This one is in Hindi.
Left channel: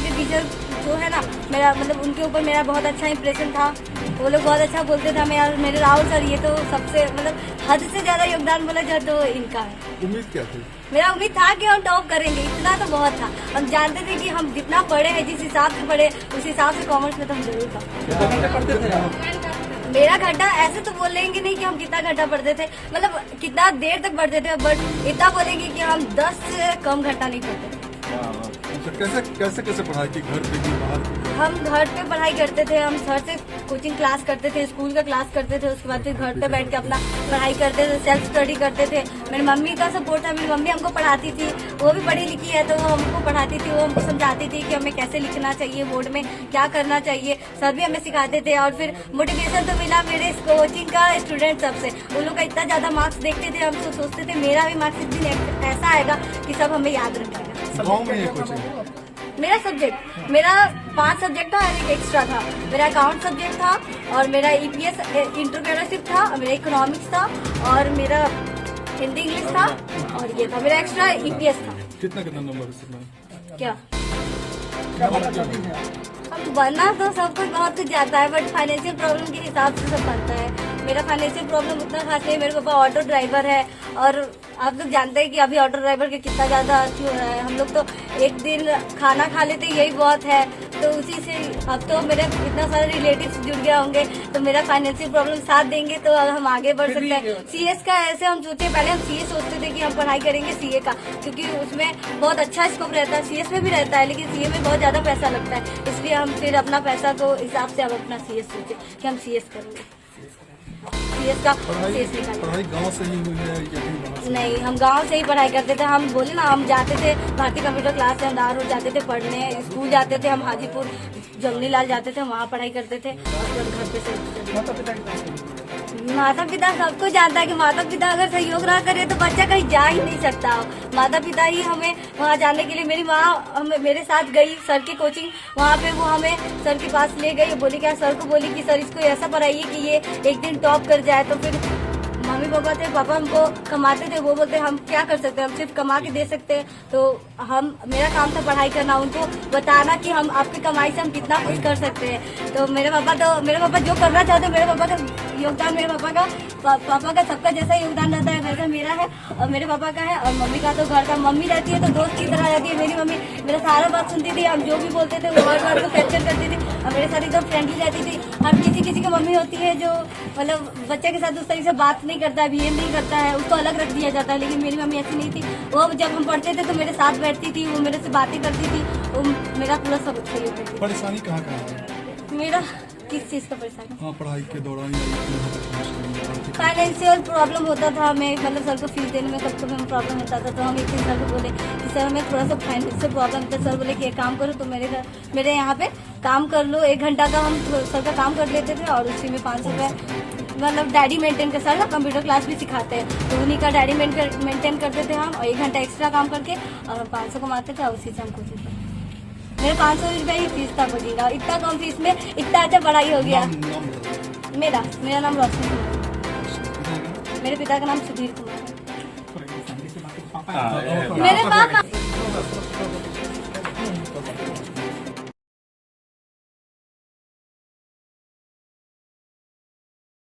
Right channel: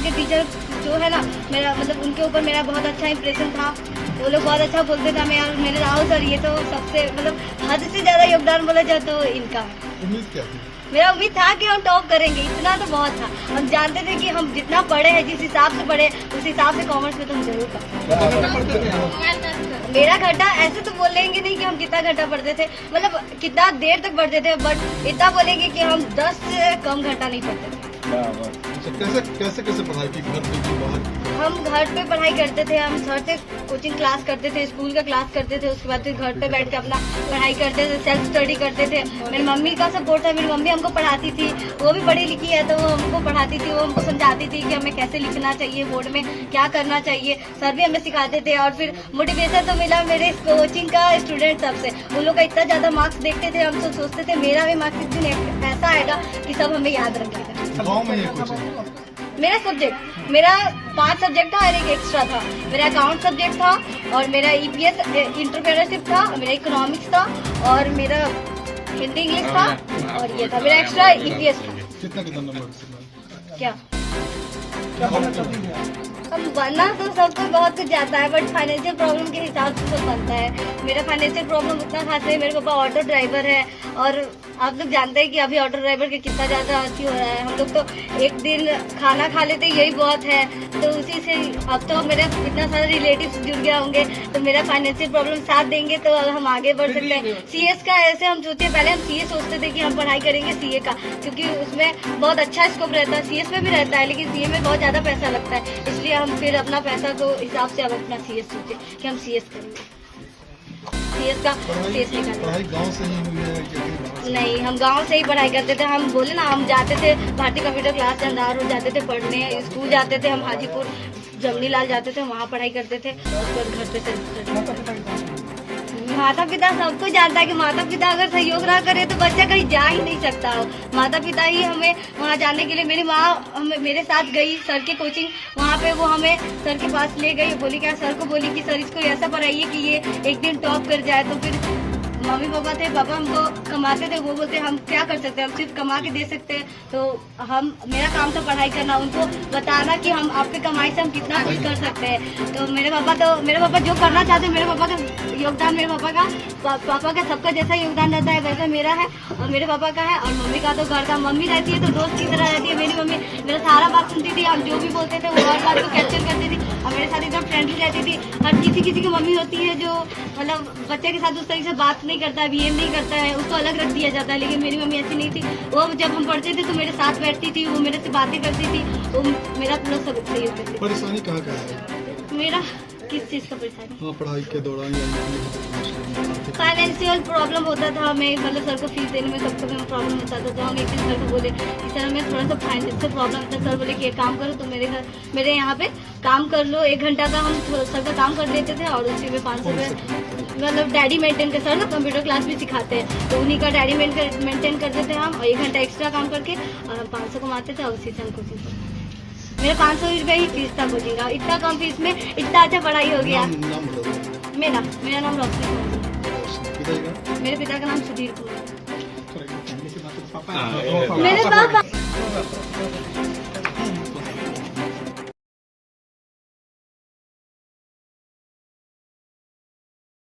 वहाँ के टीचर जो है ना, मेरा मतलब उनके ऊपर मेरा बहुत अच्छा इंप्रेशन था। वो लोग बहुत अच्छा बोलते थे हमें, यार मेरे राहुल सर ये तो सबसे मतलब हद से ज्यादा योगदान बोला जाए तो इनका है। उम्मीद क्या थी? मेरा उम्मीद था कि हम टॉप करेंगे, इतना तो बहुत था। हम जानते थे कि हम जितना पढ़े हैं, जिस हिसाब से पढ़े उस हिसाब से कॉमर्स में तो हम जरूर था। मेरा घंटा ऐसे तो बोलेंगे नहीं कि हम कितना घंटा पढ़ते थे, मतलब कितना देर तक पढ़ते थे, बट इतना बोलेंगे कि हम 10 से कम घंटा नहीं पढ़ते थे। कैसे पढ़ाई की, घर पे की बाहर? हम घर पे पढ़ाई करते थे, हम सर से कोचिंग क्लास करते थे, स्कूल का क्लास करते थे, उसके बाद फिर घर पे बैठ के अपना पढ़ाई करते थे, सेल्फ स्टडी करते थे। मेरी मम्मी का सपोर्ट था, मेरी मम्मी हमको पढ़ाती थी, वो भी पढ़ी लिखी है तो वो हमको पढ़ाती थी, वो हमको समझाती थी कि हमें कैसे लिखना चाहिए, बोर्ड में क्या करना चाहिए। सर भी हमें सिखाते थे और फिर मोटिवेशन तो मिला मेरे कोचिंग का स्टूडेंट सबसे। उन लोग का इतना ज्यादा मार्क्स देखते थे, हम तो सोचते थे मेरा भी मार्क्स इस दिन ऐसा आएगा कि सब हमें याद रखेगा। गाँव में ये कोचिंग? मेरा सब्जेक्ट, मेरा 5 सब्जेक्ट था और एक एक्स्ट्रा था। मेरा अकाउंट सब्जेक्ट था और मेरा ईपीएस एंटरप्रेन्योरशिप था, मेरा इकोनॉमिक्स था और मेरा हिंदी इंग्लिश था और ये था मेरा एक्स्ट्रा ईपीएस था। कितना नंबर? क्या अब बनना तो सब कुछ बहुत कुछ जाता है, बट फाइनेंशियल प्रॉब्लम के हिसाब से सब बनता है। मेरा फाइनेंशियल प्रॉब्लम उतना खास नहीं, मेरे पापा ऑटो ड्राइवर है और आप लोग जानते हैं कि अभी ऑटो ड्राइवर के कितना ज्यादा अच्छी हो रहा है। हम लोग तो एक दिन खाना खा लेते यही बहुत है, तो उसी से अब तो मेरे इतना सारे रिलेटिव्स जुड़ गए होंगे तो मेरा फाइनेंशियल प्रॉब्लम साथ देंगे तो हम आगे बढ़ सकते हैं। सीएस का ऐसे हम सोचते, पहले हम सीए सोचते थे कि हम पढ़ाई करेंगे सीए का, क्योंकि उसमें बहुत अच्छा स्कोप रहता है। सीएस में भी रहता है लेकिन सीए में बहुत ज्यादा पैसा लगता है, इसलिए हम फिर अपना पैसा को हिसाब से अब अपना सीएस सोचे कि हम सीएस करेंगे, सीएस का सीएस निकालेंगे। पढ़ाई गाँव से ही हुई है या नहीं, हम गांव से ही पढ़ाई करते थे। हम बोले ना, हम जाते थे भारतीय कंप्यूटर क्लास से अंधार हो जाते थे पढ़ने, स्कूल जाते थे, हम हाजीपुर जमनी लाल जाते थे, वहाँ पढ़ाई करते थे और फिर घर पे से। माता पिता सबको जानता है कि माता पिता अगर सहयोग ना करे तो बच्चा कहीं जा ही नहीं सकता हो। माता पिता ही हमें वहाँ जाने के लिए, मेरी माँ मेरे साथ गई सर के कोचिंग, वहाँ पे वो हमें सर के पास ले गई, बोली क्या सर को बोली कि सर इसको ऐसा पढ़ाइए कि ये एक दिन टॉप कर जाए। तो फिर मम्मी पापा थे, पापा हमको कमाते थे, वो बोलते हम क्या कर सकते हैं, हम सिर्फ कमा के दे सकते हैं। तो मेरा काम था पढ़ाई करना, उनको बताना कि हम आपके कमाई से हम कितना कुछ कर सकते हैं। तो मेरे पापा जो करना चाहते हैं, मेरे पापा का योगदान, मेरे पापा का सबका जैसा योगदान रहता है वैसा मेरा है और मेरे पापा का है। और मम्मी का तो घर का, मम्मी रहती है तो दोस्त की तरह रहती है मेरी मम्मी, मेरा सारा बात सुनती थी, हम जो भी बोलते थे वो हर बात को कैप्चर करती थी और मेरे साथ एकदम फ्रेंडली रहती थी। हर किसी की मम्मी होती है जो मतलब बच्चे के साथ उस तरीके से बात नहीं करता है, बिहेव नहीं करता है, उसको अलग रख दिया जाता है, लेकिन मेरी मम्मी ऐसी नहीं थी। वो जब हम पढ़ते थे तो मेरे साथ बैठती थी, वो मेरे से बातें करती थी, वो मेरा पूरा सब सहयोग करती थी। परेशानी कहाँ है? मेरा किस चीज का परेशानी? हाँ, पढ़ाई के दौरान फाइनेंशियल प्रॉब्लम होता था हमें, मतलब सर को फीस देने में कब कभी प्रॉब्लम होता था। तो हम एक दिन सर को बोले कि सर हमें थोड़ा सा फाइनेंशियल प्रॉब्लम था। सर बोले कि एक काम करो, तो मेरे यहाँ पे काम कर लो, 1 घंटा का हम सर का काम कर लेते थे और उसी में 500 रुपये मतलब डायरी मेंटेन कर, सर कंप्यूटर क्लास भी सिखाते हैं तो उन्हीं का डायरी मेंटेन करते थे हम, और 1 घंटा एक्स्ट्रा काम करके और हम 500 कमाते थे, उसी से हम कोचिंग करते। मेरा 500 रुपये ही फीस था कोचिंग का, इतना कम फीस में इतना अच्छा पढ़ाई हो गया। मेरा नाम रोशनी कुमार, मेरे पिता का नाम सुधीर कुमार। मेरे पापा